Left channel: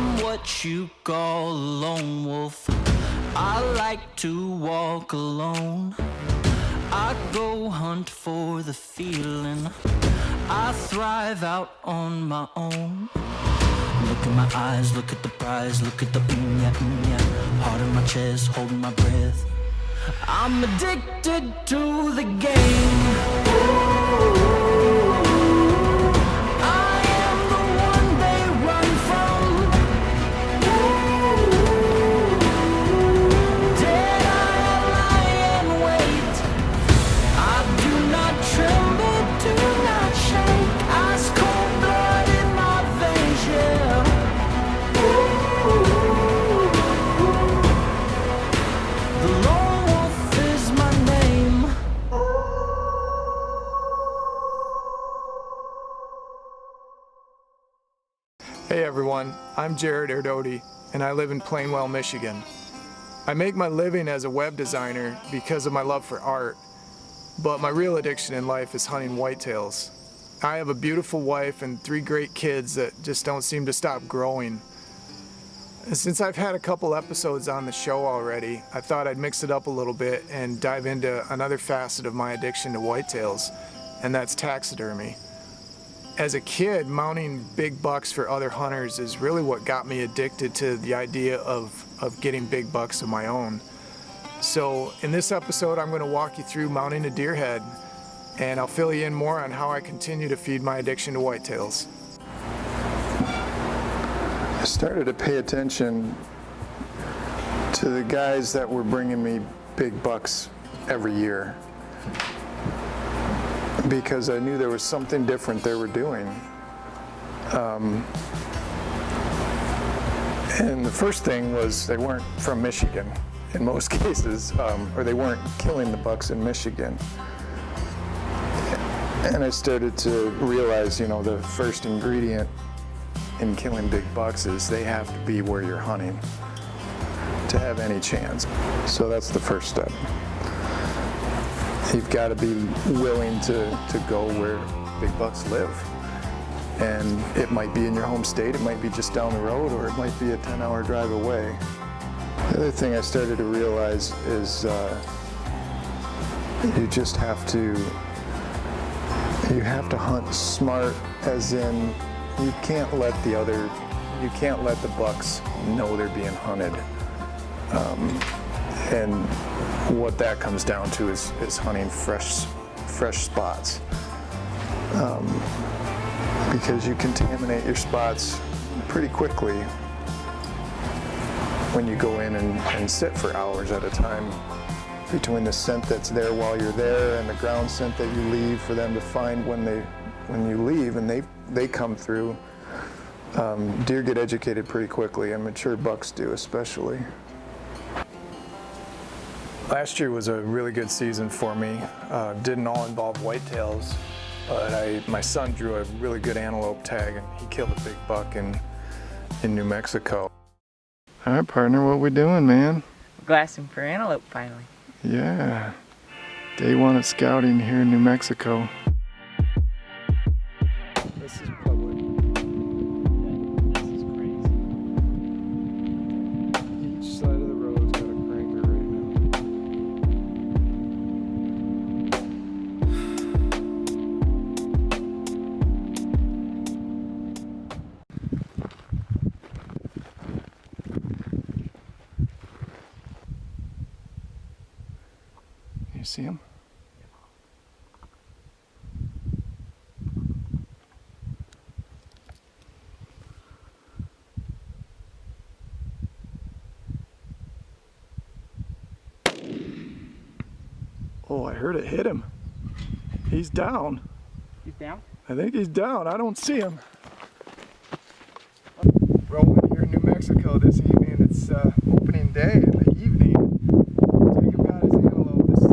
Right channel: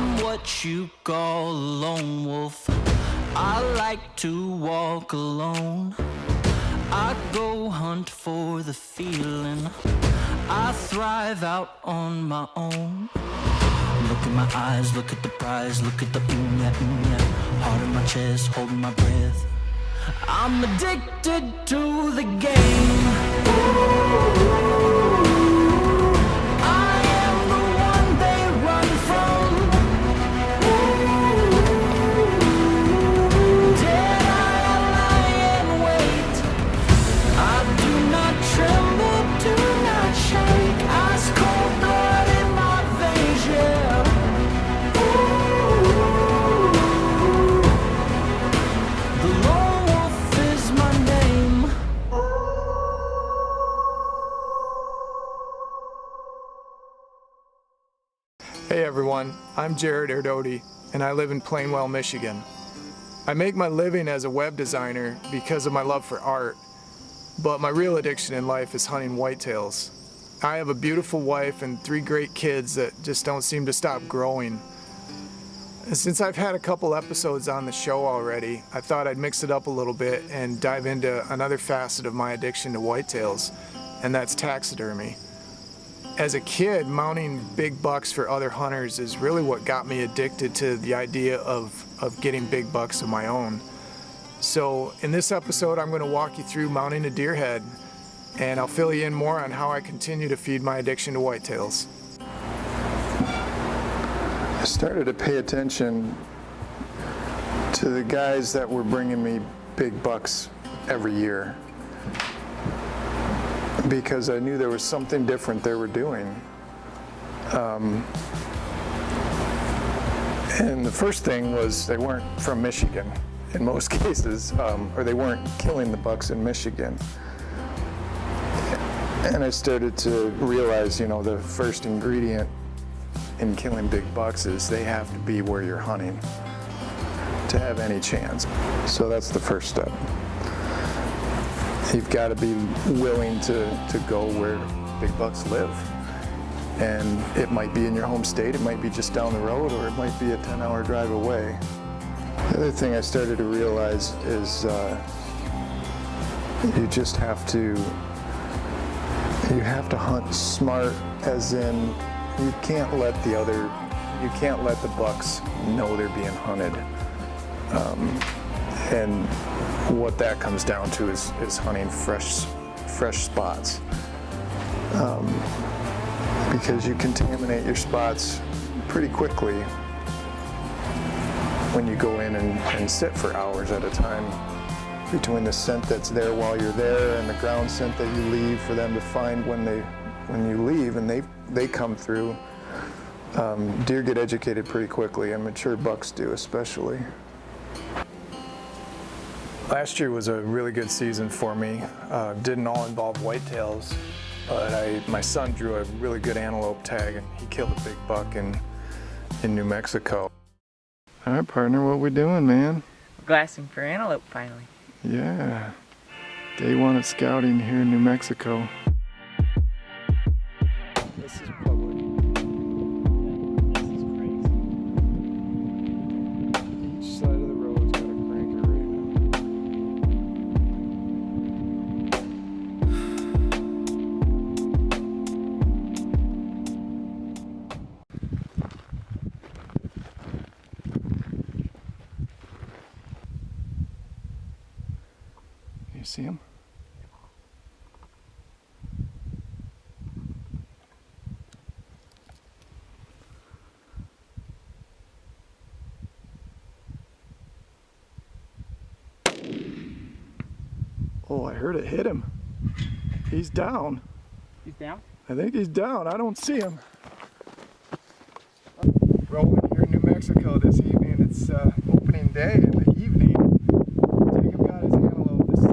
I'm what you call a lone wolf. I like to walk alone. I go hunt for the feeling. I thrive out on my own. Look in my eyes, look at the prize, look at the yeah, yeah. Heart in my chest, holding my breath. I'm addicted to the game. I am the one they run from. Dead I lie and wait. I do not tremble, do not shake. Ice cold blood in my veins, yeah. The lone wolf is my name. Hey everyone, I'm Jared Erdody, and I live in Plainwell, Michigan. I make my living as a web designer because of my love for art, but my real addiction in life is hunting whitetails. I have a beautiful wife and 3 great kids that just don't seem to stop growing. And since I've had a couple episodes on the show already, I thought I'd mix it up a little bit and dive into another facet of my addiction to whitetails, and that's taxidermy. As a kid, mounting big bucks for other hunters is really what got me addicted to the idea of getting big bucks of my own. So in this episode, I'm going to walk you through mounting a deer head, and I'll fill you in more on how I continue to feed my addiction to whitetails. I started to pay attention to the guys that were bringing me big bucks every year, because I knew there was something different they were doing. And the first thing was they weren't from Michigan in most cases, or they weren't killing the bucks in Michigan. And I started to realize, the first ingredient in killing big bucks is they have to be where you're hunting to have any chance. So that's the first step. You've got to be willing to go where big bucks live. And it might be in your home state, it might be just down the road, or it might be a 10-hour drive away. The other thing I started to realize is you just have to hunt smart, as in you can't let the bucks know they're being hunted. And what that comes down to is hunting fresh spots, because you contaminate your spots pretty quickly when you go in and sit for hours at a time between the scent that's there while you're there and the ground scent that you leave for them to find when you leave and they come through. Deer get educated pretty quickly, and mature bucks do especially. Last year was a really good season for me. Didn't all involve whitetails, but my son drew a really good antelope tag, and he killed a big buck in New Mexico. All right, partner, what we doing, man? We're glassing for antelope finally. Yeah, day 1 of scouting here in New Mexico. This is public. This is crazy. Each side of the road's got a cranker right now. You see him? Oh, I heard it hit him. He's down. He's down? I think he's down. I don't see him. Rolling here in New Mexico this evening. It's opening day in the evening. Jacob got his antelope this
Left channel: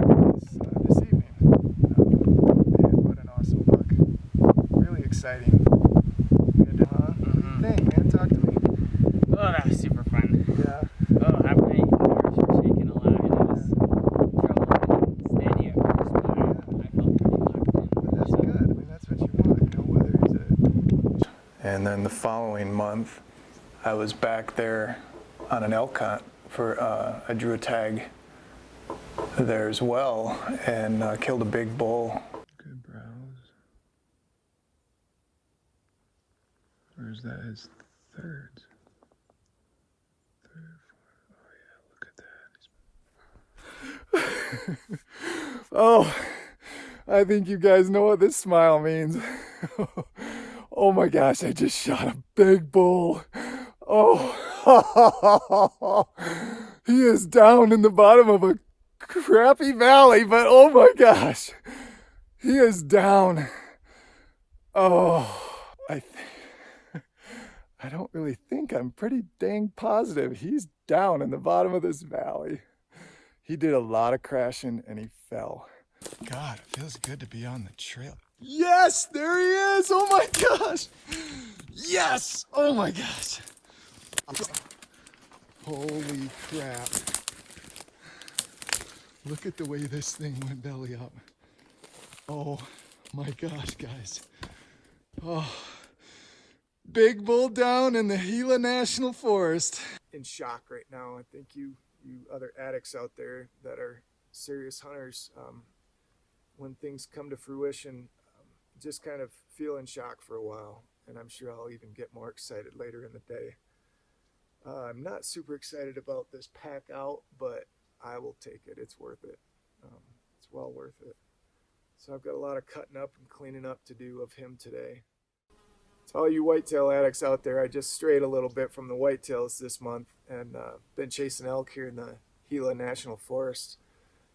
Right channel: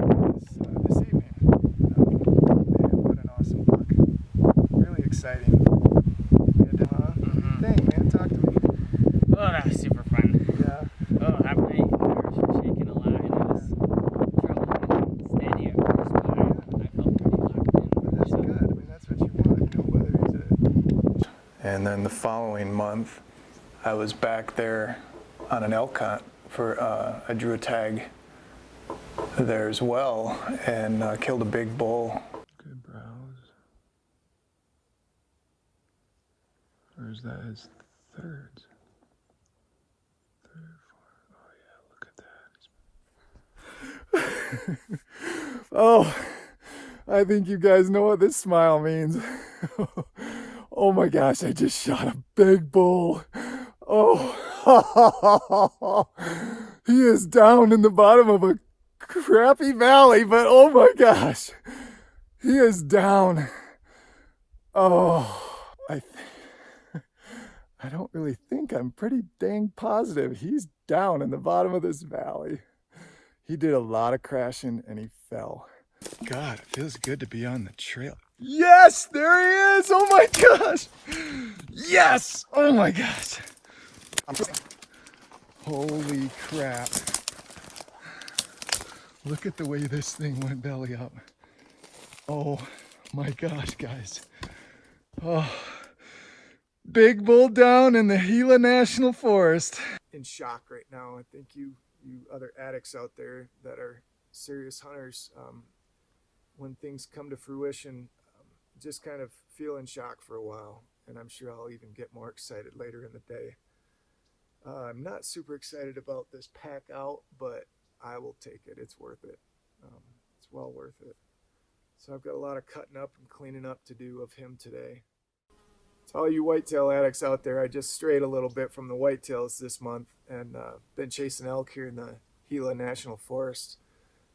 evening. Man, what an awesome buck. Really exciting. We had to, What do you think, man? Talk to me. Oh, that was super fun. Yeah. Oh, my nerves were shaking a lot, and it was trouble getting steady at first, but I felt pretty locked in. But that's good. I mean, that's what you want, whether he's a... And then the following month, I was back there on an elk hunt for I drew a tag there as well and killed a big bull. Good browse. Or is that his thirds? Third, fourth. Oh yeah, look at that. Oh, I think you guys know what this smile means. Oh my gosh, I just shot a big bull. Oh, he is down in the bottom of a crappy valley, but oh my gosh, he is down. Oh, I don't really think, I'm pretty dang positive he's down in the bottom of this valley. He did a lot of crashing and he fell. God, it feels good to be on the trail. Yes, there he is. Oh my gosh. Yes. Oh my gosh. Holy crap. Look at the way this thing went belly up. Oh my gosh, guys. Oh, big bull down in the Gila National Forest. In shock right now. I think you other addicts out there that are serious hunters, when things come to fruition, just kind of feel in shock for a while. And I'm sure I'll even get more excited later in the day. I'm not super excited about this pack out, but I will take it. It's worth it. It's well worth it. So I've got a lot of cutting up and cleaning up to do of him today. To all you whitetail addicts out there, I just strayed a little bit from the whitetails this month and been chasing elk here in the Gila National Forest.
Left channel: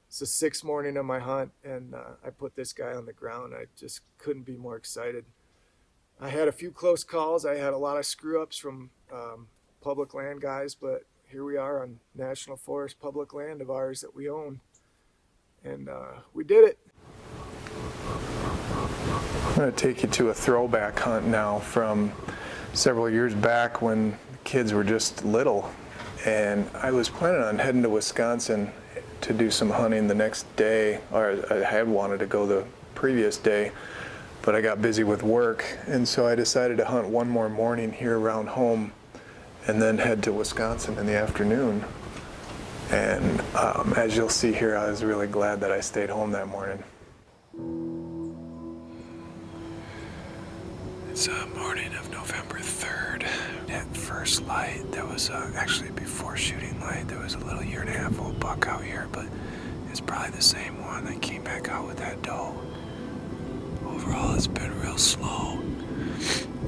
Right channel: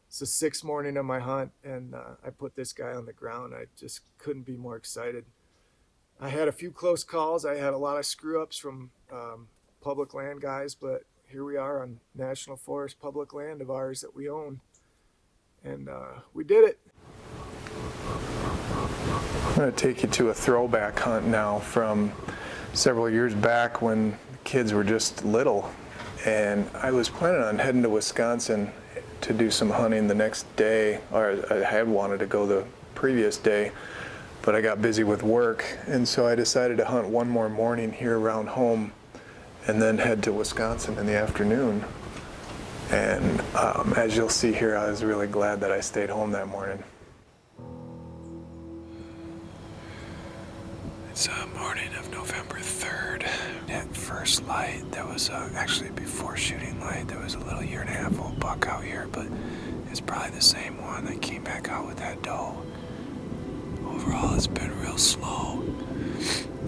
It's the 6th morning of my hunt, and I put this guy on the ground. I just couldn't be more excited. I had a few close calls. I had a lot of screw-ups from public land guys, but here we are on National Forest, public land of ours that we own. And we did it. I'm going to take you to a throwback hunt now from several years back when kids were just little. And I was planning on heading to Wisconsin to do some hunting the next day, or I had wanted to go the previous day, but I got busy with work, and so I decided to hunt one more morning here around home and then head to Wisconsin in the afternoon. And as you'll see here, I was really glad that I stayed home that morning. It's a morning of November 3rd. At first light, there was actually before shooting light, there was a little 1.5-year-old buck out here, but it's probably the same one that came back out with that doe. Overall, it's been real slow.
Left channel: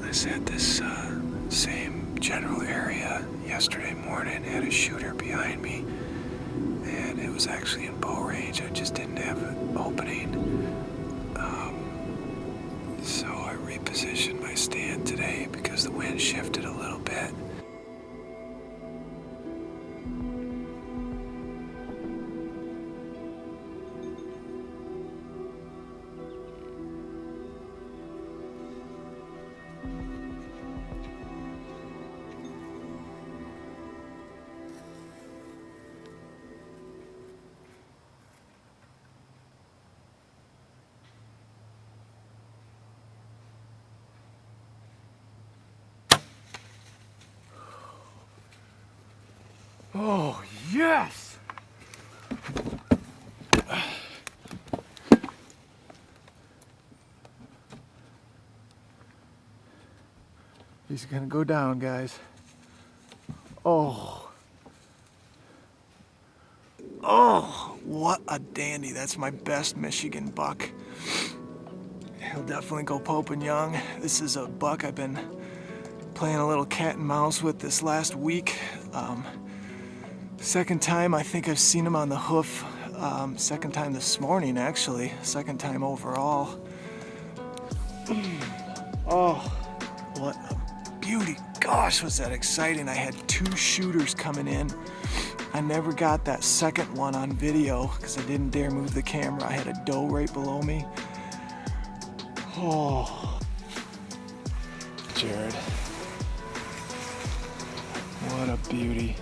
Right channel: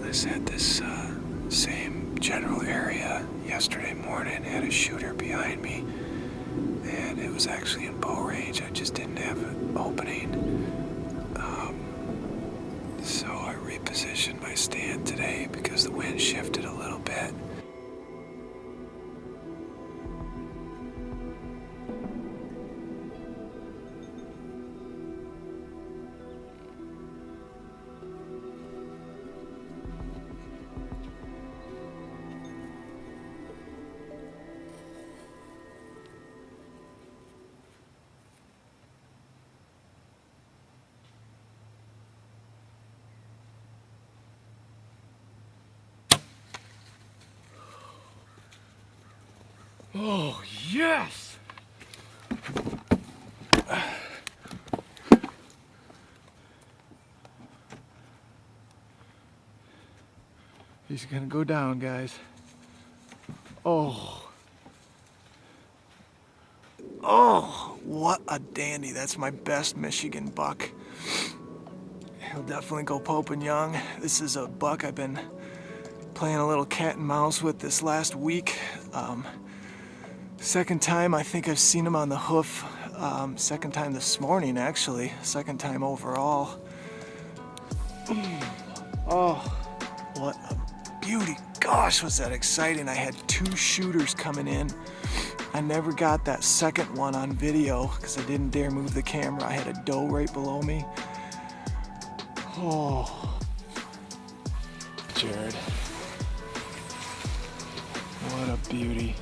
I set this same general area yesterday morning, had a shooter behind me, and it was actually in bow range. I just didn't have an opening. So I repositioned my stand today because the wind shifted a little bit. Oh, yes! He's gonna go down, guys. Oh. Oh, what a dandy. That's my best Michigan buck. He'll definitely go Pope and Young. This is a buck I've been playing a little cat and mouse with this last week. Second time I think I've seen him on the hoof. Second time this morning, actually. Second time overall. Oh, what a beauty. Gosh, was that exciting. I had 2 shooters coming in. I never got that second one on video because I didn't dare move the camera. I had a doe right below me. Oh, Jared. What a beauty.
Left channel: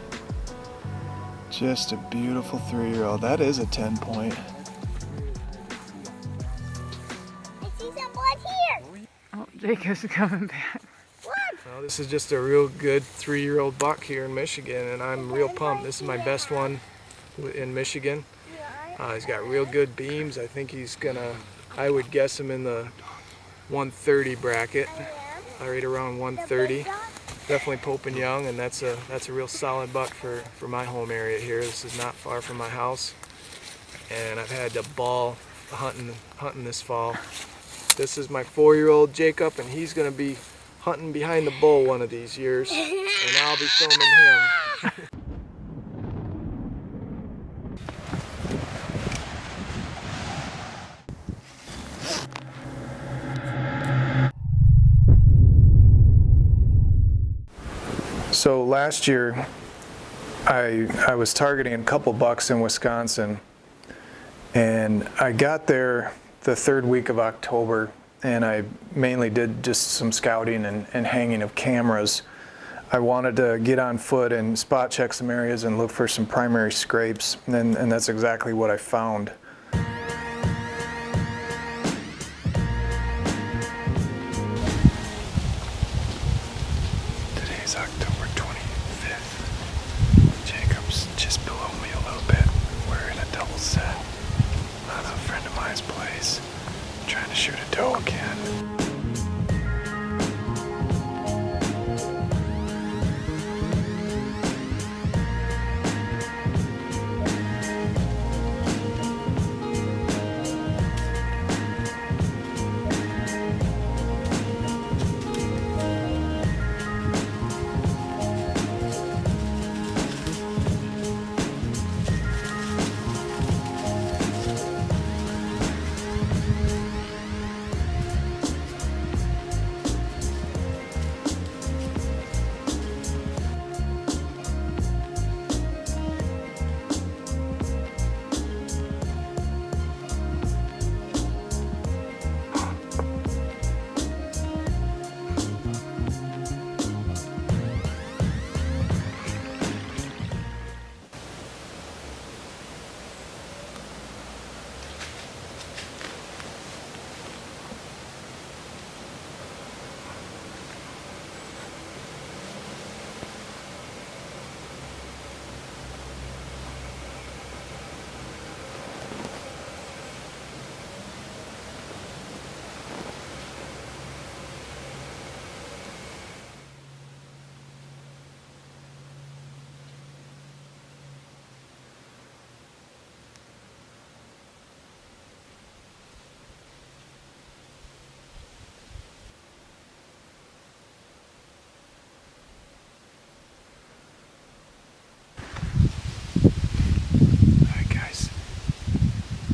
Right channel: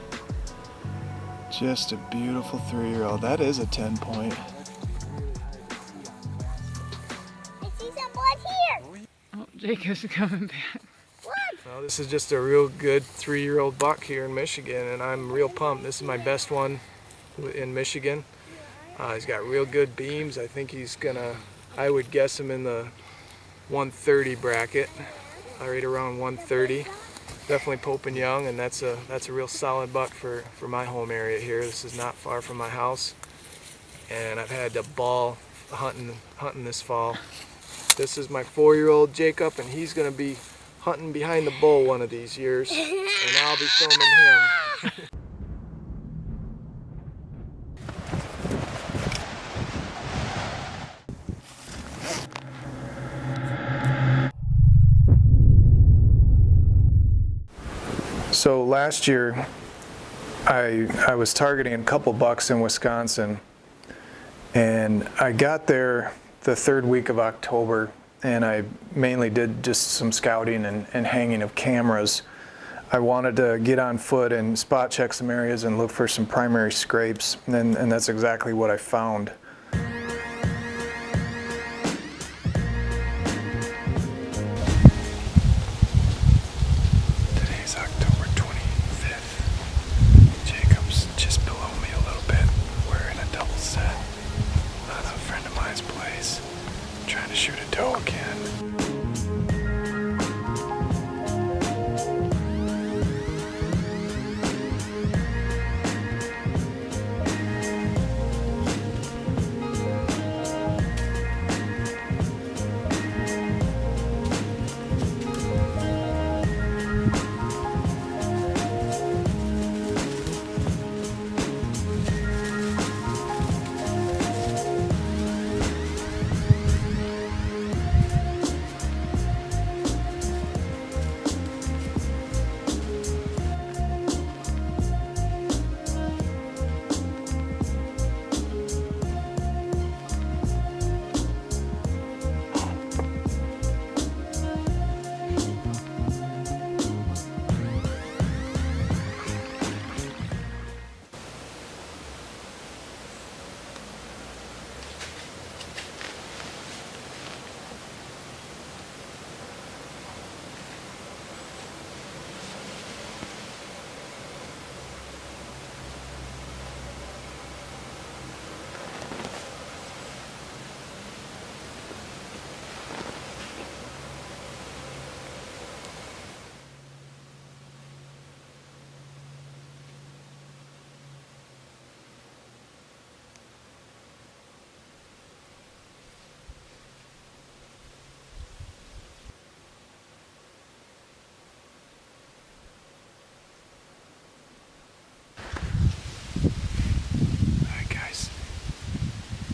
Just a beautiful 3-year-old. That is a 10-point. I see some blood here. Oh, Jacob's coming back. What? Well, This is just a real good 3-year-old buck here in Michigan, and I'm real pumped. This is my best one in Michigan. He's got real good beams. I think he's gonna, I would guess him in the 130 bracket, right around 130. Definitely Pope Young, and that's a real solid buck for my home area here. This is not far from my house, and I've had a ball hunting this fall. This is my 4-year-old Jacob, and he's gonna be hunting behind the bull one of these years, and I'll be filming him. So last year, I was targeting a couple bucks in Wisconsin, and I got there the 3rd week of October, and I mainly did just some scouting and hanging of cameras. I wanted to get on foot and spot check some areas and look for some primary scrapes, and that's exactly what I found. Today's October 25th. Jacob's just below me a little bit. We're in a double set at a friend of mine's place, trying to shoot a doe again.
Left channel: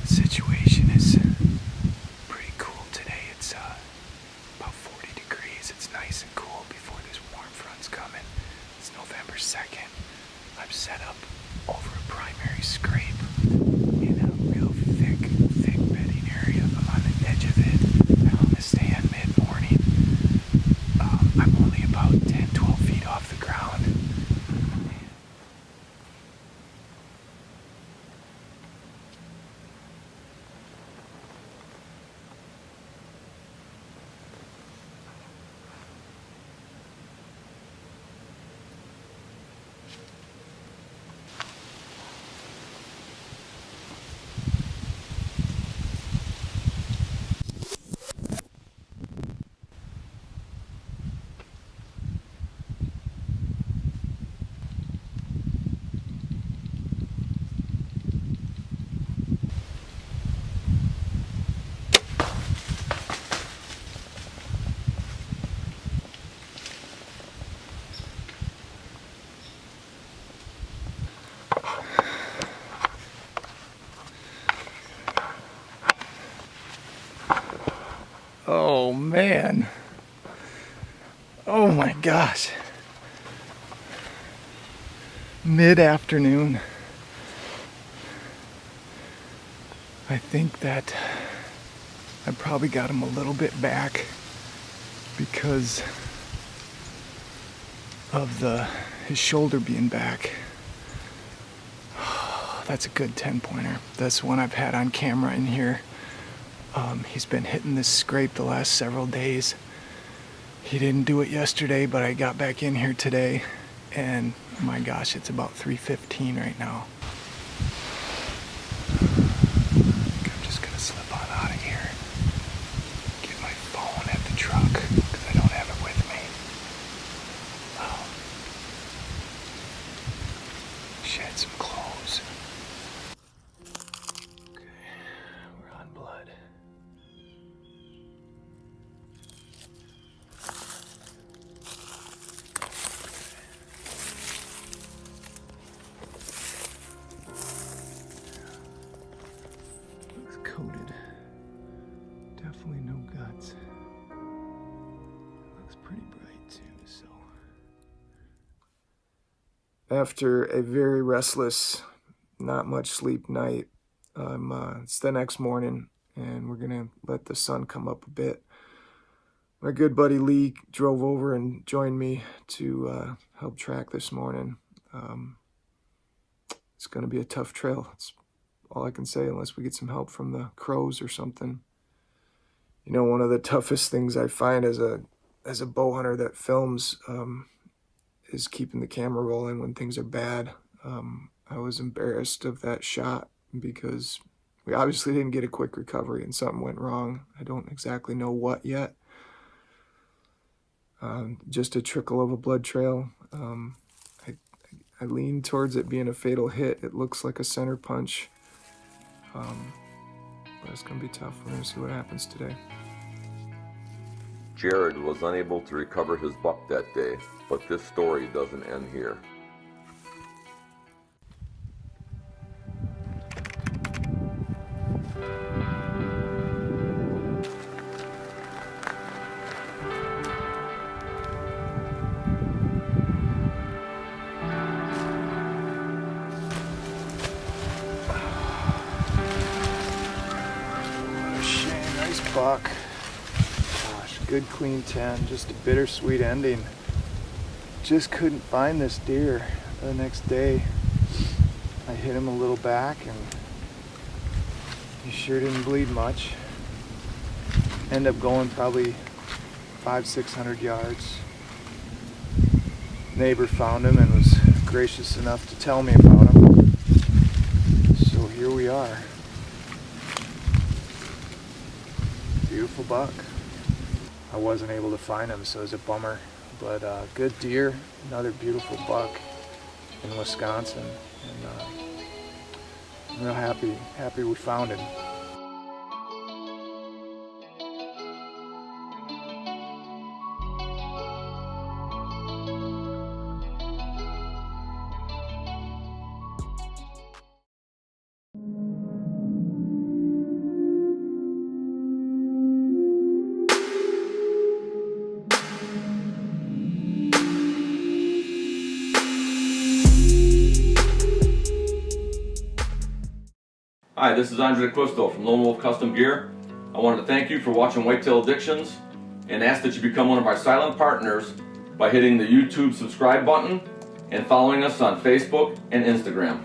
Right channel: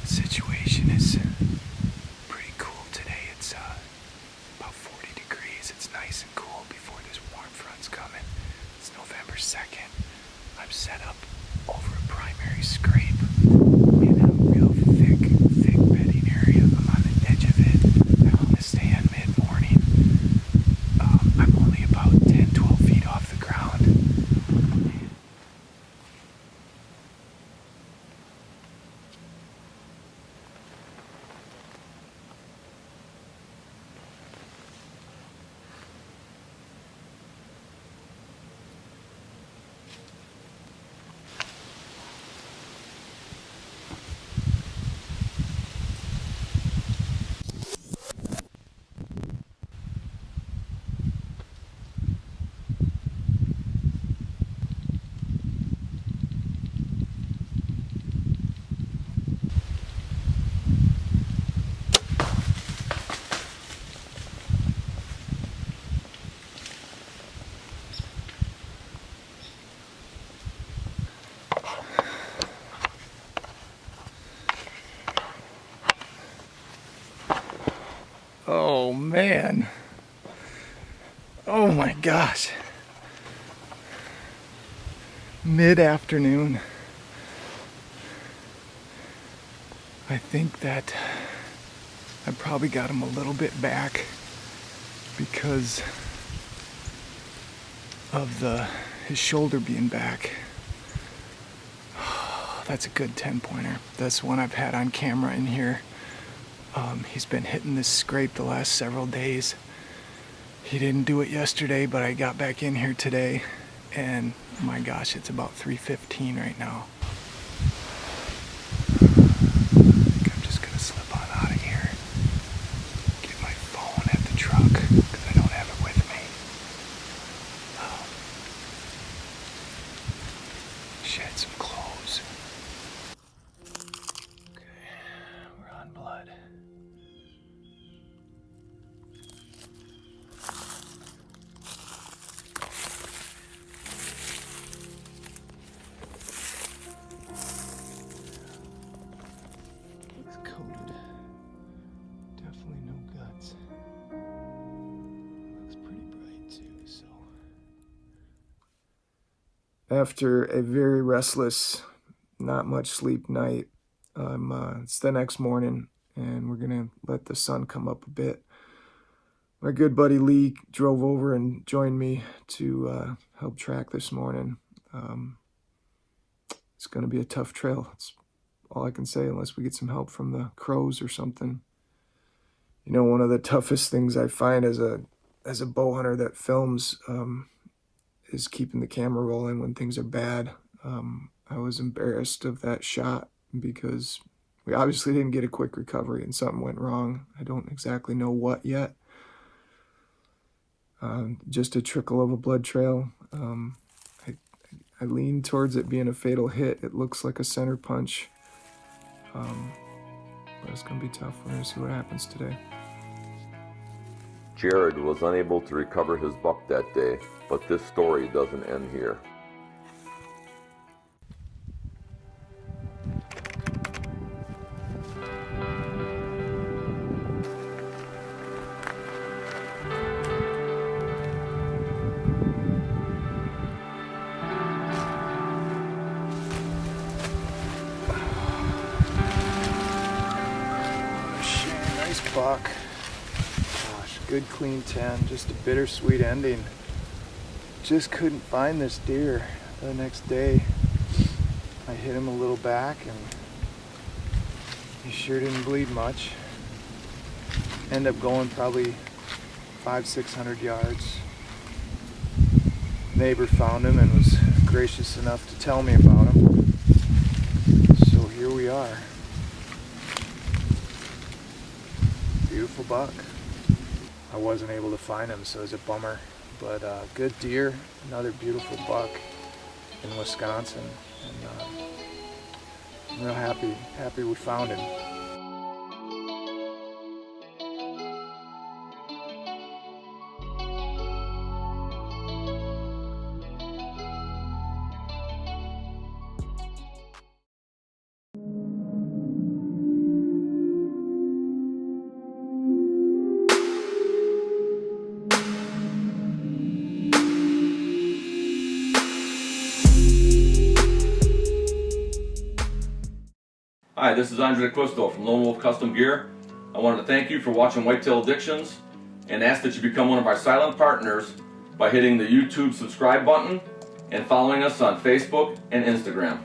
Situation is pretty cool today. It's about 40 degrees. It's nice and cool before this warm front's coming. It's November 2nd. I'm set up over a primary scrape in a real thick bedding area. I'm on the edge of it. I want to stand mid-morning. I'm only about 10-12 feet off the ground. Oh man. Oh my gosh. Mid-afternoon. I think that I probably got him a little bit back because of his shoulder being back. That's a good 10-pointer. That's one I've had on camera in here. He's been hitting this scrape the last several days. He didn't do it yesterday, but I got back in here today, and oh my gosh, it's about 3:15 right now. I think I'm just gonna slip on out of here, get my phone at the truck, because I don't have it with me. Shed some clothes. Okay, we're on blood. It's coated. Definitely no guts. Looks pretty bright too, so. After a very restless, not much sleep night, it's the next morning, and we're gonna let the sun come up a bit. My good buddy Lee drove over and joined me to help track this morning. It's gonna be a tough trail. That's all I can say, unless we get some help from the crows or something. You know, one of the toughest things I find as a bow hunter that films is keeping the camera rolling when things are bad. I was embarrassed of that shot because we obviously didn't get a quick recovery and something went wrong. I don't exactly know what yet. Just a trickle of a blood trail. I lean towards it being a fatal hit. It looks like a center punch. But it's gonna be tough. We're gonna see what happens today. Jared was unable to recover his buck that day, but this story doesn't end here. What a shame. Nice buck. Gosh, good clean 10. Just a bittersweet ending. Just couldn't find this deer the next day. I hit him a little back and he sure didn't bleed much. Ended up going probably 500-600 yards. Neighbor found him and was gracious enough to tell me about him. So here we are. Beautiful buck. I wasn't able to find him, so it was a bummer. But good deer, another beautiful buck in Wisconsin, and I'm real happy we found him. Hi, this is Andre Quisto from Lone Wolf Custom Gear. I wanted to thank you for watching Whitetail Addictions and ask that you become one of our silent partners by hitting the YouTube subscribe button and following us on Facebook and Instagram.